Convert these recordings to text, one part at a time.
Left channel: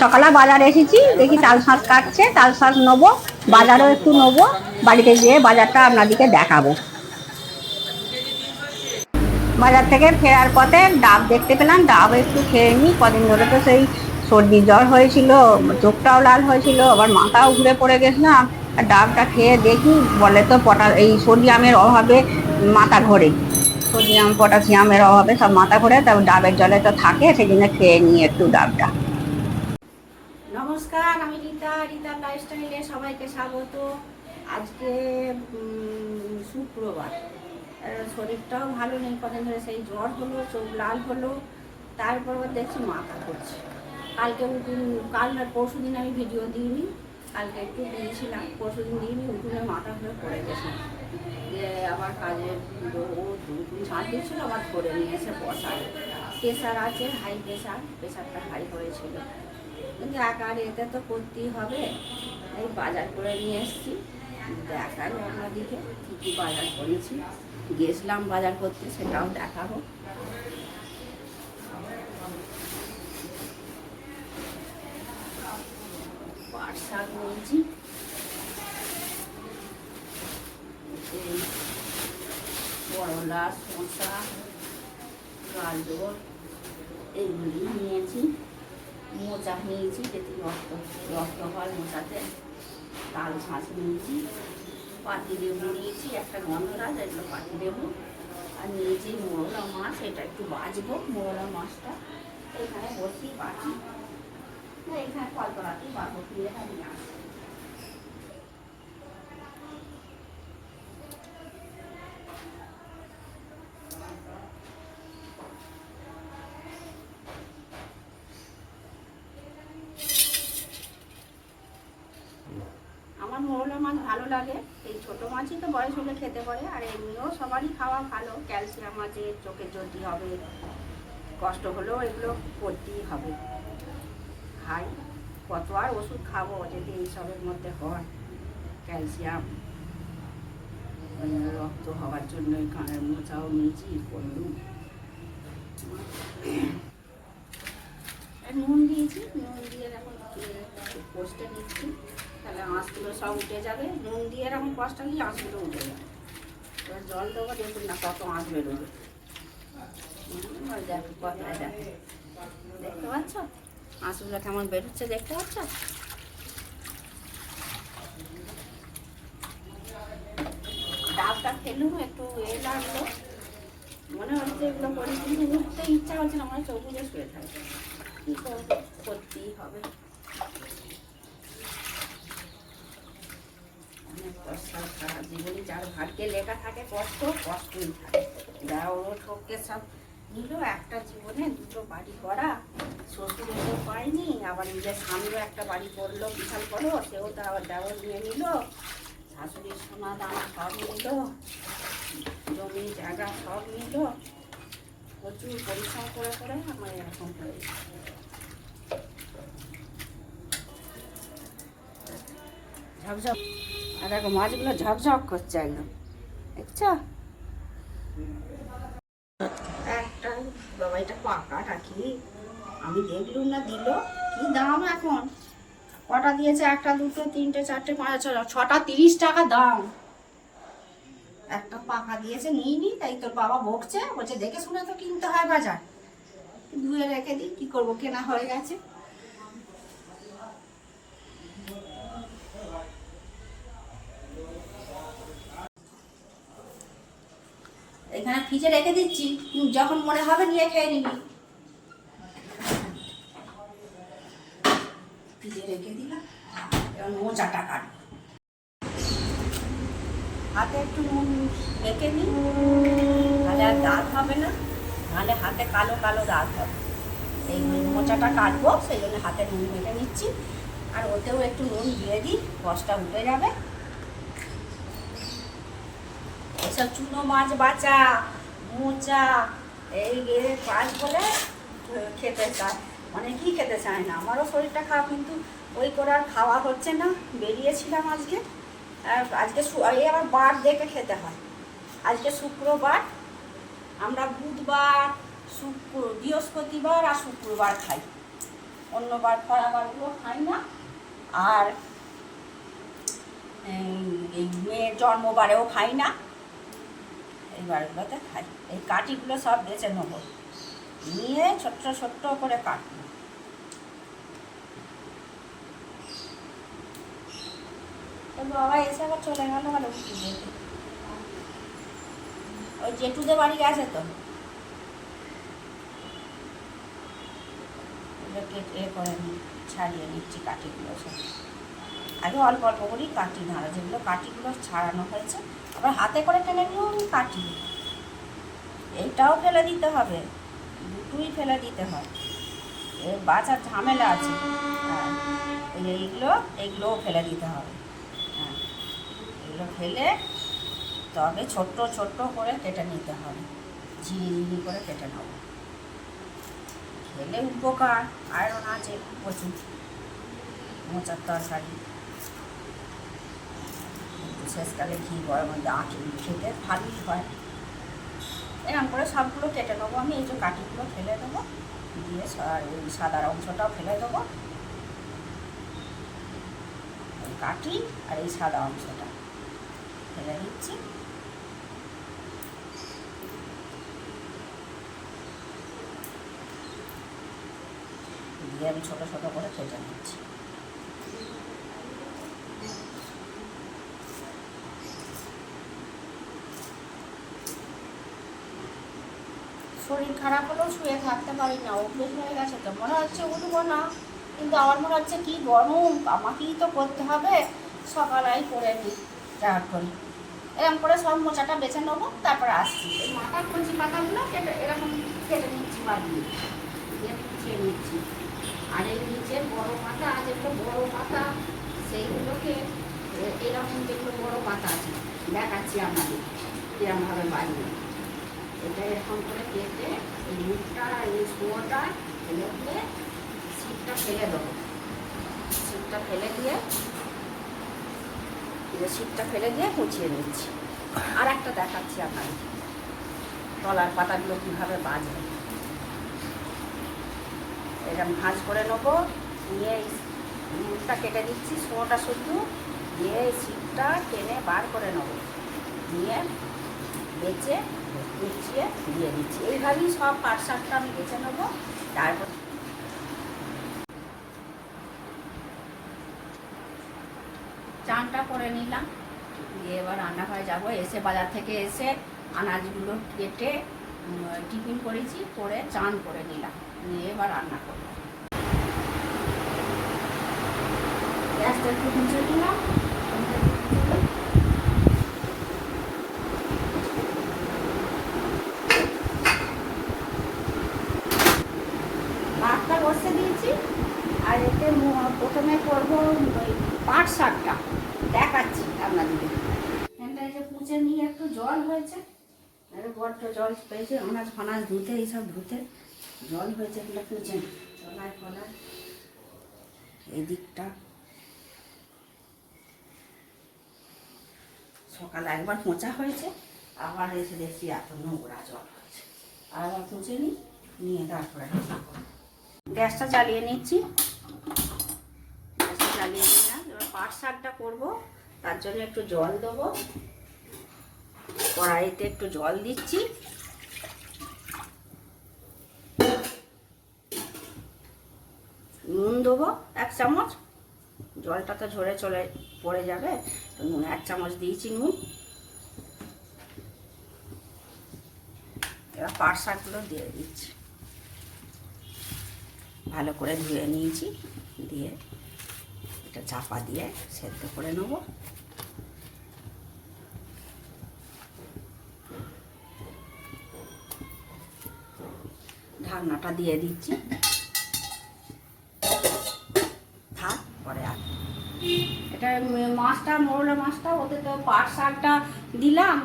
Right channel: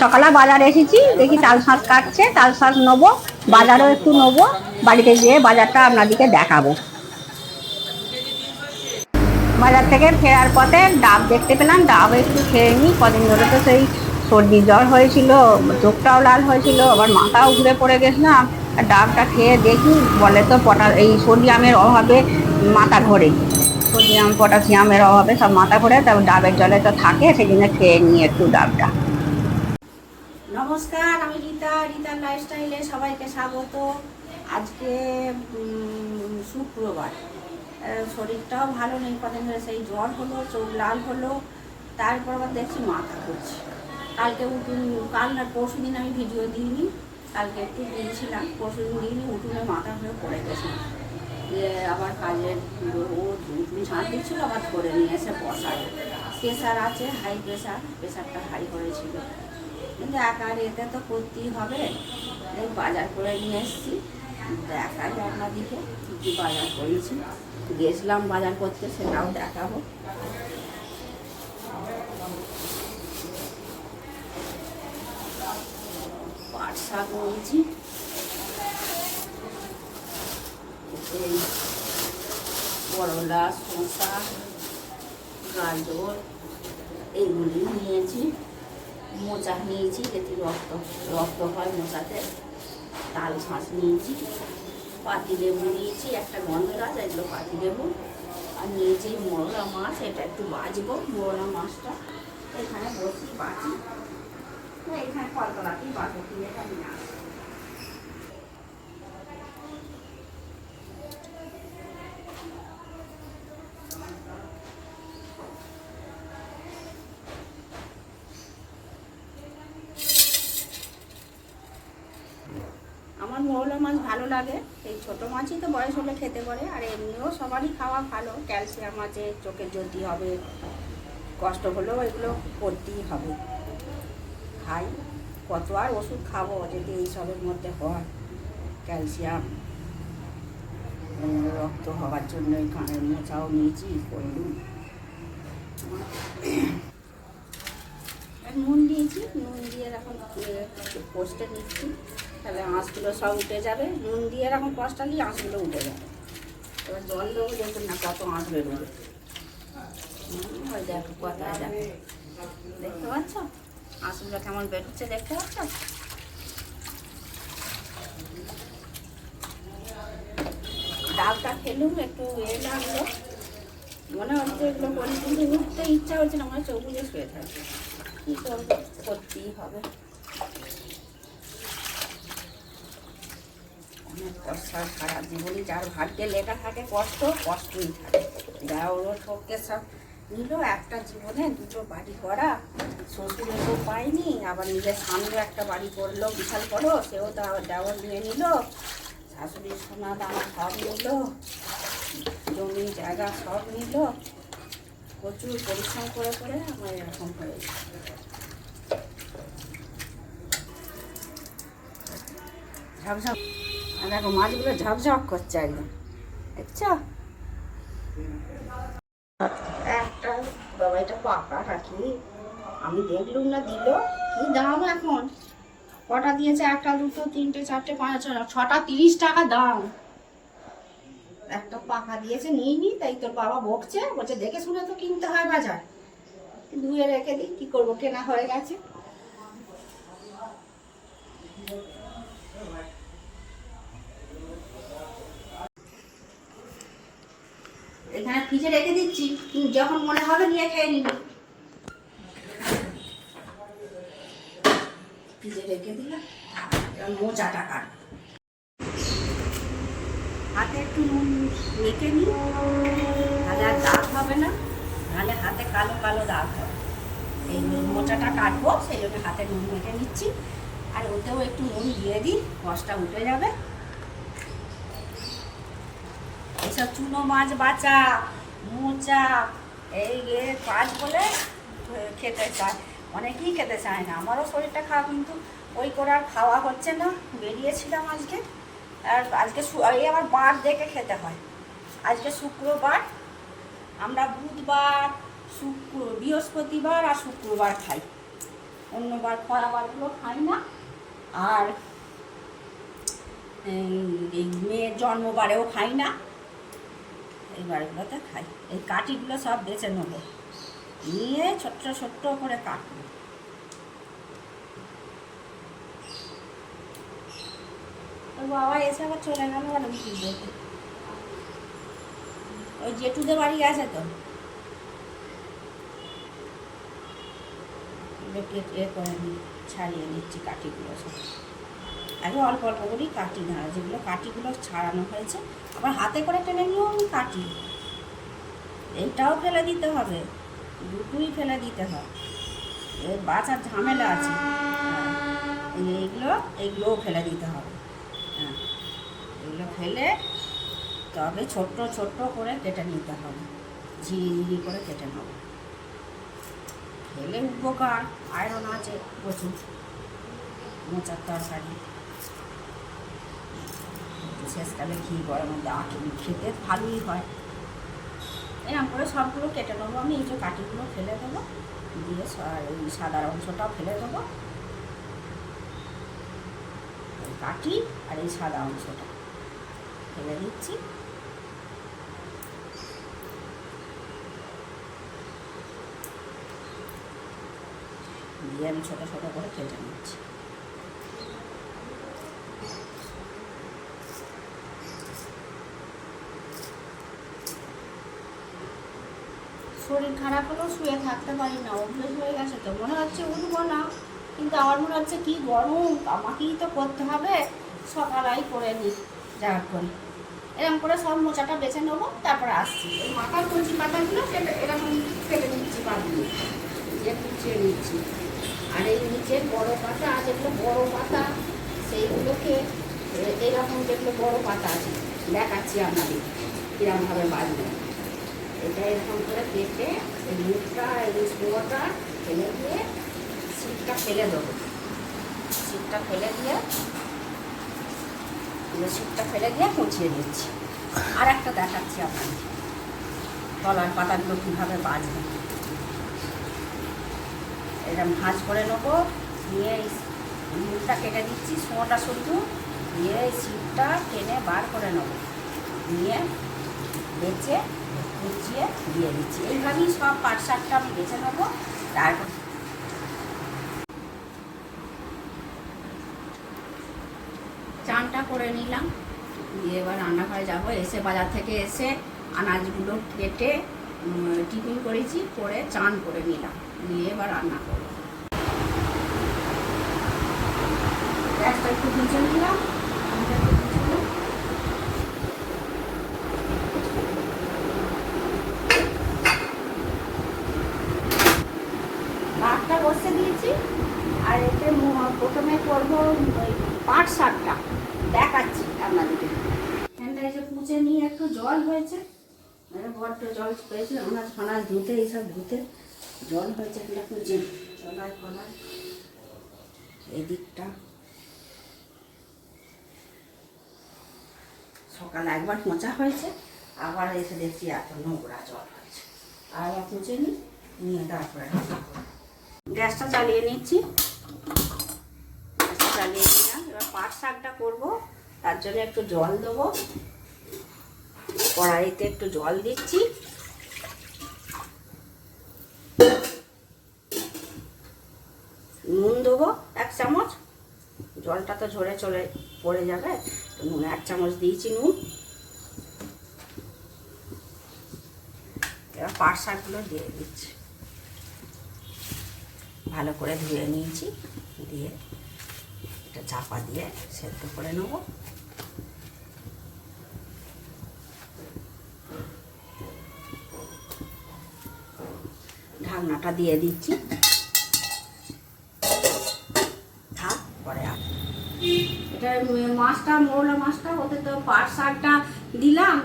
সকালে বাজারে এসেছি, দেখি তাল শাঁস কাটছে, তাল শাঁস নেবো, বাজারও একটু নেবো, বাড়িতে গিয়ে বাজারটা আপনাদেরকে দেখাবো। বাজার থেকে ফেরার পথে ডাব দেখতে পেলাম, ডাব একটু খেয়ে নিই। কদিন ধরে তো সেই সর্দি জ্বর হয়েছিল, চোখটাও লাল হয়েছিল, আবার মাথাও ঘুরে পড়ে গেছিলাম। ডাবটা খেয়ে দেখি, বলে তো এই সোডিয়ামের অভাবে মাথা ঘোরে, সোডিয়াম পটাশিয়ামের অভাবে সব মাথা ঘোরে, তবে ডাবের জলে তো থাকে, সেই জন্য খেয়ে নিই একটু ডাবটা। নমস্কার, আমি রীতা, রীতার লাইফস্টাইলে সবাইকে স্বাগত। আজকে শুক্রবার, শরীরটাও ভালো নেই, কদিন ধরে সেই জ্বর হলো, চোখ লাল হলো, তারপর আবার দেখছি মাথা ঘুরছে। কালকে কাল না পরশু দিন আমি ভিডিও দিইনি, কালকে একটু দিয়েছিলাম, পরশু দিন দিইনি, উঠুনে মাথা ঘুরে পড়ে গেছিলাম। যে আবার কাজের উঠুন ঝাঁট দিচ্ছিল, আবার ধরে নিয়ে এসে বসায়। প্রেশার আছে, হাই প্রেশার, প্রেশারটা হাই হয়েছিল, কিন্তু একার এতে তো করতেই হবে। এই বাজার করে নিয়ে এসেছি, দেখাই আপনাদিকে কী কী বাজার করেছি। গেছিলাম বাজার করতে, সেটাও দেখাবো। পাট শাক নিয়েছি, করলা, শসা, গাজর এইগুলি নিয়েছি। মোচা নিয়েছি, যেটি রক্ত হয় মোচাতে। তাল শাঁস নিয়েছি, পাতি লেবু নিয়েছি, একটা গন্ধরাজ, এগুলো পাতি লেবু। আর নিয়েছি মোরলা মাছ, এটা একটু বাজবো। মোরলা মাছটা এখানে বসি বাজি, এখানে কলতলাতেই বাজবো, দিয়ে আমি আসি। আমার মোরলা মাছ ভালো লাগে, এই ছোটো মাছই তো বয়স হলে খেতে পারে, আর এমনিও সবারই খাওয়া ভালো। ক্যালসিয়াম আছে, চোখের জ্যোতি হবে, কষ্ট হলেও এগুলো করতেই হবে। খাই, কত আর ওষুধ খাবো যদি এইসবের মধ্যে হয়। ক্যালসিয়াম, রক্ত হওয়ার জন্য কানের মোচাও নিয়েছি, করলুম। নুন দিয়েছি, নুন দিয়ে এখন কষতে নিচ্ছি, তাহলে আঁশগুলো সব উঠে যাবে। নুন দিয়ে এখন কষটা দিয়ে আঁশগুলো উঠে যাবে। এবার জল দেবো, দেখুন না কত আঁশ বেরোবে। ওই দেখো কথায় দেখো, দেখতে পাচ্ছ আঁশগুলো কেমন বেরোচ্ছে, দেখতে পাচ্ছ? ডাবটা খেলুম, একটু লাগলো, মনে হচ্ছে এগুলো করি, কিন্তু উঠতে ইচ্ছা হচ্ছে না, আমার চোখ বুঝে শুয়ে থাকে। কী করবো, করতেই হবে। অনেক কষ্ট, সারা জীবনই যার ভাগ্যে লেখা থাকে কষ্ট, কষ্টই থাকে। যা ওর পক্ষে সব নিল, একটা জীবনে দুটো বাড়ি করা, শ্বশুরের তো পায়নি, আবার নিজের সামনে একটা বাড়ি করলো বিশাল বড়, সেও তো আবার দেওয়ার নিয়ে নিল, শাশুড়ির সোনা দানা সব নিল, জমি জায়গা সব নিল। প্রচুর পরিশ্রম করে করে আমার এরকম হয়েছে। ঝকঝক, আর দেখো মাছগুলো ঝকঝক করছে একদম, দেখছো? একটা বাবা, এটা পাকা রাখি, আমি দেখলুম না, দিল কি দাম এখন, কটা দিয়েছে, একটা দুটো তিনটে চারটে পাঁচ ছটা, 30 টাকা দাম। একটা পাকা দিয়েছে, নিইনি, তাই তোর বাবা বকছে, বলছে দেখে শুনে তো কিনতে হয় বাজার। ধুয়ে রেখে দিই, কি করবো, কেনা হয়ে গেছে। এখানে ফ্রিজে রেখে দিচ্ছি, যখন মনে হবে নিয়ে খেয়ে নিবি। ফ্রিজে রেখে দিলাম, মোচাটা কাট। হাতে একটু নুন মেখে নিই, তাহলে আর দাগ হবে না, নাহলে হাতে কালো কালো দাগ হবে। এই মোচাটা কাটবো, সেই জন্য হাতে নুন মেখে নিচ্ছি। আর ওতেও একটু নুন দিয়ে দিই, রসটা উঠে যাবে। এসব চুনো মাছ বাঁচা, মোচা, এই পাঁচ বলে খেতে চায়, অনেকেই খেতে চায় না। আমারও শরীরটা খারাপ, কিন্তু ওই করে আর খাওয়া হচ্ছে না। বেরিয়েছিলাম আজকে, আর আজকে এই আবার বার দেখে খেতে হয়। আজকে শুক্রবার, আমরা বুধবার, বৃহস্পতিবার আর শুক্রবার খাই। অন্যবার খরাবারগুলো খাই না। আর এই মেয়ের জন্মবারেও খাই না, এই বারগুলোতে খাই। এই কাঠিগুলো সব বেছে নেবো, নিয়ে ছোট্ট ছোট্ট করে কাটবো। বাবা এসে আবার চলে গেল, ভালো উঠি যেতে ওই জেঠুদের বাড়ি গেছে তো, এ করে ছাড়িয়ে নিচ্ছি কাঠিগুলো সব। আগে অল্প অল্প করেই কাটি, ধারা যেগুলো কাঠিগুলো ছাড়ানো হয়েছে আবার হাতে করে টেনে নিয়েও আমি কাটি। এইটাও ফেলে দিতে হবে, দুটোই ফেলে দিতে হয়, এর বাঁচার ঝামেলা আছে। হ্যাঁ, এইগুলোও ফেলে দিতে হবে। হ্যাঁ, এগুলো ফেলে তবে ছোট্ট ছোট্ট করে কেটে নিতে হবে, ঝিরি করে কেটে নেব। খেলে উপকার, আয়রন আছে প্রচুর, মোচার তরকারি শেষকালে ঘি গরম মধ্যে আঁটি খেতে ভালোই হয়। এরকম করে সবগুলো কেটে নেবো আমি। এই যে কাঠিগুলো ফেলে দেবো, দিয়ে ওই সাদা অংশটাও ফেলে দেবো, কাঠি আর এই সাদা অংশটা ফেলে দিচ্ছি। দিয়ে আমি ছোটো ছোটো করে কেটে নিচ্ছি। শরীর খারাপ হলেও শুয়ে থাকতে পারি না, অভ্যেস হয়ে গেছে তো। মনে হচ্ছে উঠবো না, কিন্তু আমার মনে হচ্ছে কি গরম, আমাকেই তো করতে হবে, সকালেই করে নিই যা করি। এরকম করে সব মোচাটা বেছে নেবো, তারপরে আসছি। ওই মাথার কঞ্চি পাতাগুলো কেটে এরকম কেটে নিচ্ছি, বানিয়ে দিয়ে কুচিয়ে নিচ্ছি। আর এই নিচের বড় পাতা, যেগুলো বড় পাতা সেইগুলোকে এরকম যেগুলো বড় পাতা আছে দেখাচ্ছি আপনাদের কিরমভাবে বাড়বে। এটা এরকম করে কেটে এই মুখটা, এই ছোঁয়াটা ফেলে দিয়ে সিটটা ফেলে দেবো। সিটটা ফেলে দিয়ে কুচিয়ে নিচ্ছি। আর একটা দেখাচ্ছি আপনাদের, কলার পাতাগুলো কীভাবে বাজবে। এরকম ভাঁজ করে নেবো, নিয়ে মুখটা কেটে দিচ্ছি, ছোঁয়াটা শুদ্ধ দিয়ে সিটটা টেনে বার করে নেবো, নিয়ে বেচে কুচিয়ে দিয়ে দিচ্ছি। এইভাবেই সব পাট শাকটা আমি বেছে নেবো। তারপর চানটা করে নিলাম, দিয়ে এবার রান্নাঘরে যাবো। এসে বাজার থেকে এসে আনাজগুলো কেটে টিফিন করেছি, করে চান করে নিলাম, দিয়ে এবার রান্না করবো। গ্যাসটা একটু ভিজে নিলাম, ভাতটা বসে দিয়েছি। আর এতে প্রথমে করবো পাট শাকটা, দেখাচ্ছি আপনাদেরকে। এখানটায় যে কুচে নিয়ে একটু জল হয়েছে, বড্ড জল পেয়েছে, আনাজ ফানাজ ধুতে, এইসব ধুতে জল হয়েছে, এগুলো কুচে চলায় ফলায় এই দিকটা। সকালে একবার মোচা হয়েছে, আবার এসে দেখছি এত নোংরা জল হয়েছে, আবার কুচে নিয়ে তারপরে গ্যাসটা জ্বালিয়ে নিচ্ছি। গ্যাসটা জ্বালিয়ে নিলাম। এবার পাট শাকটা করবো, তার জন্য একটু জল দেবো, কড়াইতে একটু জল দিচ্ছি। নুন দেবো 1 চামচ, জলটা তো ঝরে পড়ে যাবে, নুন 1 চামচ দিয়েছি নুন। এবার পাট শাকগুলো দিয়ে দিচ্ছি, ভালো করে ধুয়ে নিয়েছি, দিয়ে এটা চাপা দিয়ে সেদ্ধ করে নেব। ঢাকনাটা দিয়ে দিচ্ছি, থাক পরে। এটা মাছটা, মোরলা মাছটা, ওতে তো পাট শাকটা দিলাম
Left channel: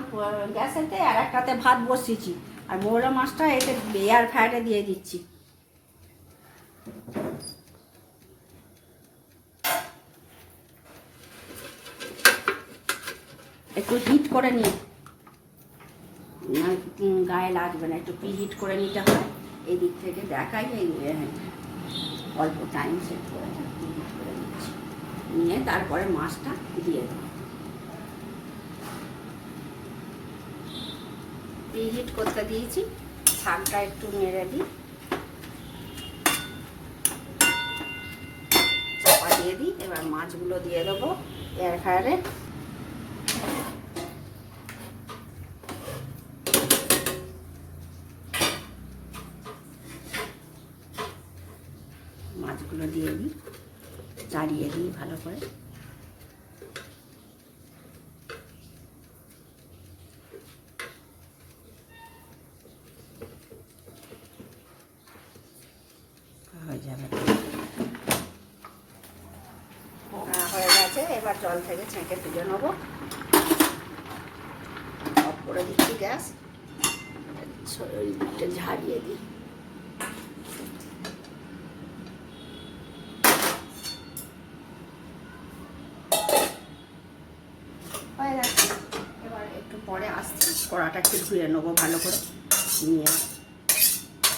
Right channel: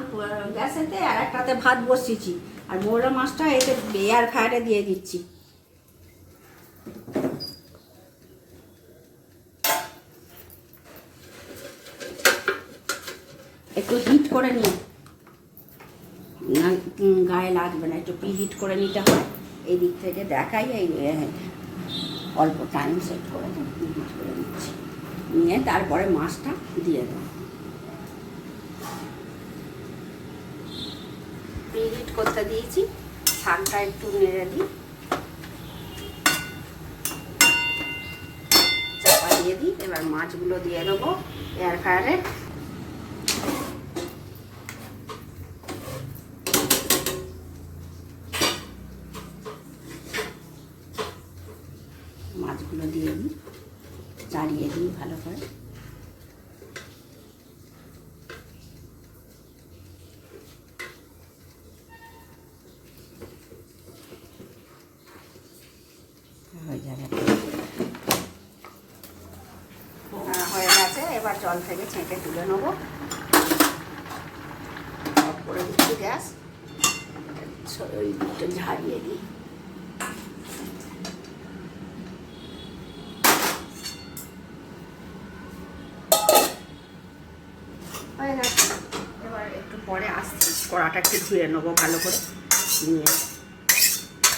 গ্যাসেতে, আর একটাতে ভাত বসিয়েছি, আর মোরলা মাছটা এতে এয়ার ফ্রায়ারে দিয়ে দিচ্ছি। একটু হিট করে নিই, গায়ে লাগবে না, একটু প্রি হিট করে নিতে হয়। এই দিক থেকে দেখাই, এই অল্প টাইম সেট করে দিচ্ছি, নিয়ে তারপরে মাছটা দিয়ে দেবো। প্রিহিট করতে দিয়েছি, শাকটা একটু নেড়ে দিই, চাপা দিয়ে দিই। এবার মাছগুলো দিয়ে দেবো এয়ার ফ্রায়ারে। মাছগুলো দিয়ে দিই, চাড়িয়ে দিই ভালো করে। হয়ে যাবে, হয়ে গেছে। এবার জল থেকে ছেঁকে তুলে নেবো। অফ করে দিচ্ছি গ্যাস, একটু ঝাড়িয়ে দিই। হয়ে গেছে। এবার একটু পরে আসছি, কড়াটা একটু ধুয়ে নেবো ভালো করে, নিয়ে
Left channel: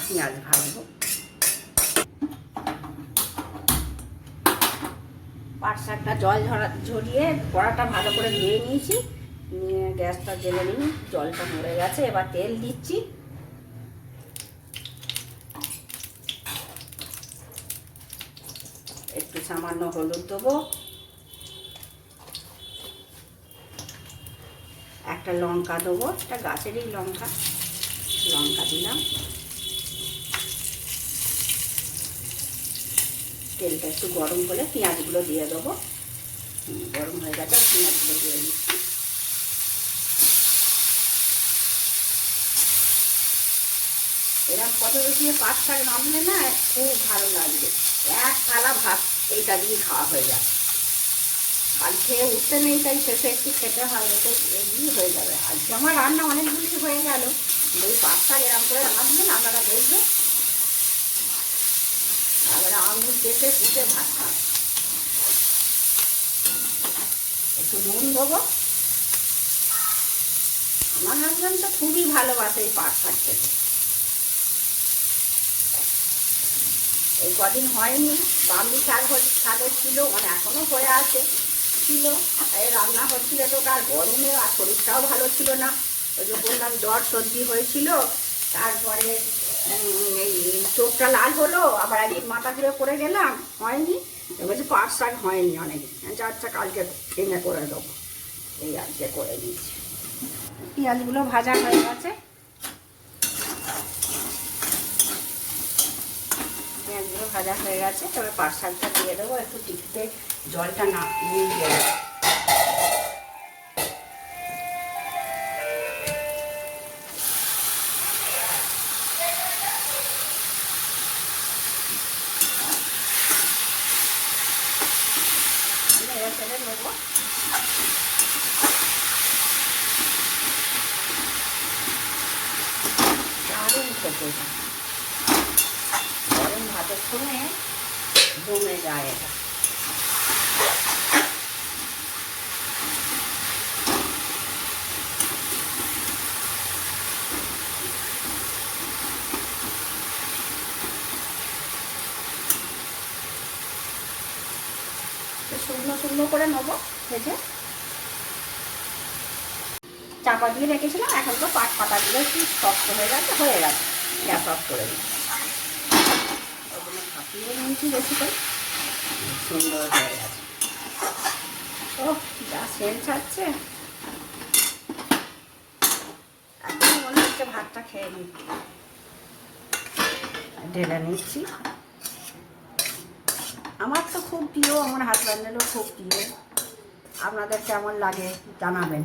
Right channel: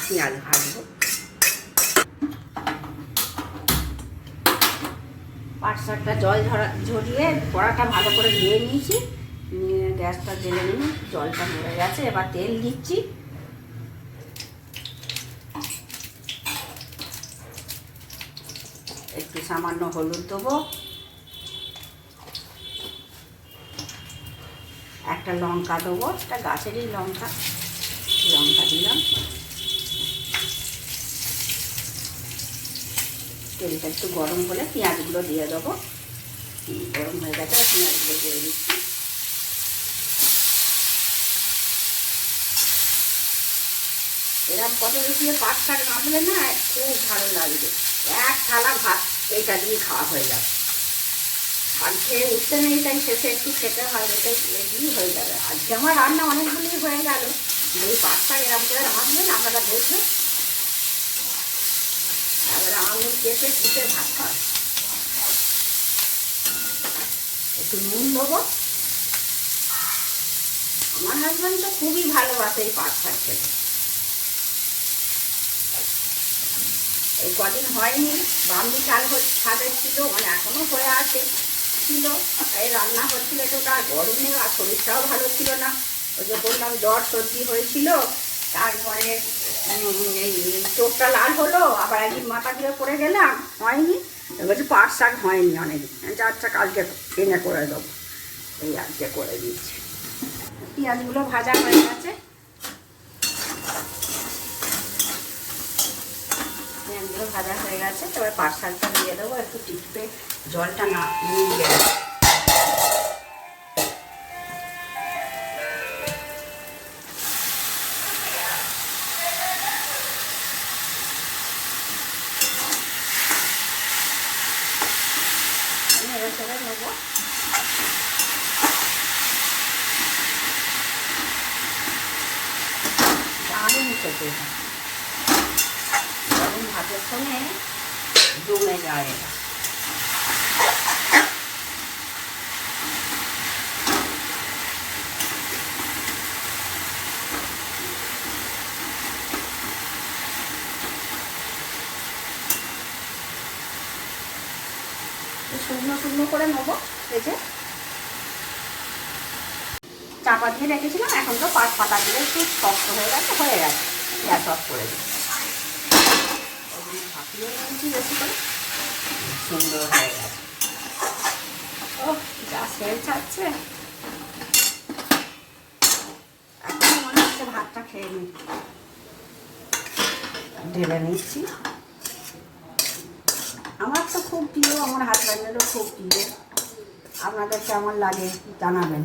পেঁয়াজ ভাজবো। পাট শাকটা জল ঝরিয়ে কড়াটা ভালো করে ধুয়ে নিয়েছি, নিয়ে গ্যাসটা জ্বেলে নিই। জলটা মরে গেছে। এবার তেল দিচ্ছি, একটু সামান্য হলুদ দেবো, একটা লঙ্কা দেবো, একটা গাছেরই লঙ্কা দিলাম। তেলটা একটু গরম হলে পেঁয়াজগুলো দিয়ে দেবো। গরম হয়ে গেছে, পেঁয়াজগুলো দিয়ে দিচ্ছি। এরকম পটল দিয়ে পাট শাক রাঁধলে না খুব ভালো লাগবে। এক থালা ভাত এইটা দিয়ে খাওয়া হয়ে যাবে। শাক খেয়ে উঠতে নেই, তাই শেষে একটু খেতে হয়, এটাই এগুলি হয়ে যাবে। আজকে আমার রান্না অনেকগুলি হয়ে গেল। ওই পাট শাক এরকম করে রাঁধবেন, আপনারা দেখবেন। এবারে আঙুল কেটে কুটে ভাত খান। একটু নুন দেবো। আমার হাজব্যান্ড তো খুবই ভালোবাসে এই পাট শাক খেতে। এই কদিন হয়নি, বামনি শাকের ছিল, মানে এখনো হয়ে আছে ছিল, এই রান্না হচ্ছিল। তো তার গরমে আর শরীরটাও ভালো ছিল না। ওই যে বললাম জ্বর সর্দি হয়েছিল। তারপরে এই চোখটা লাল হলো, আবার একদিন মাথা ঘুরে পড়ে গেলাম, হয়নি। এবার পাট শাক হয়নি অনেকদিন। আচ্ছা কালকে এনে করে দেবো, এই আজকে করে দিচ্ছি। পেঁয়াজগুলো ভাজা হয়ে গেছে, পেঁয়াজগুলো ভাজা হয়ে গেছে। তবে পাট শাকটা দিয়ে দেবো, একটু টিপে জলটা না নিয়ে গেলে। নেবো দারুণ খেতে, গরম ভাতের সঙ্গে জমে যায় এটা। শুকনো শুকনো করে নেবো ভেজে। চাপা দিয়ে রেখেছিলাম, এখন তো পাট পাতা দিয়ে একটু শক্ত হয়ে গেছে, গ্যাস অফ করে দিই। ভাপিয়ে নিয়েছি বেশি করে, সুন্দর হয়ে গেছে। ও যা সেল ছাড়ছে, এখন মনে হচ্ছে ভাতটা খেয়ে নিই। ঢেলে নিচ্ছি। আমার তো খুব প্রিয়, আমার হাজব্যান্ডেরও খুব প্রিয়। আপনাদের কেমন লাগে জানাবেন।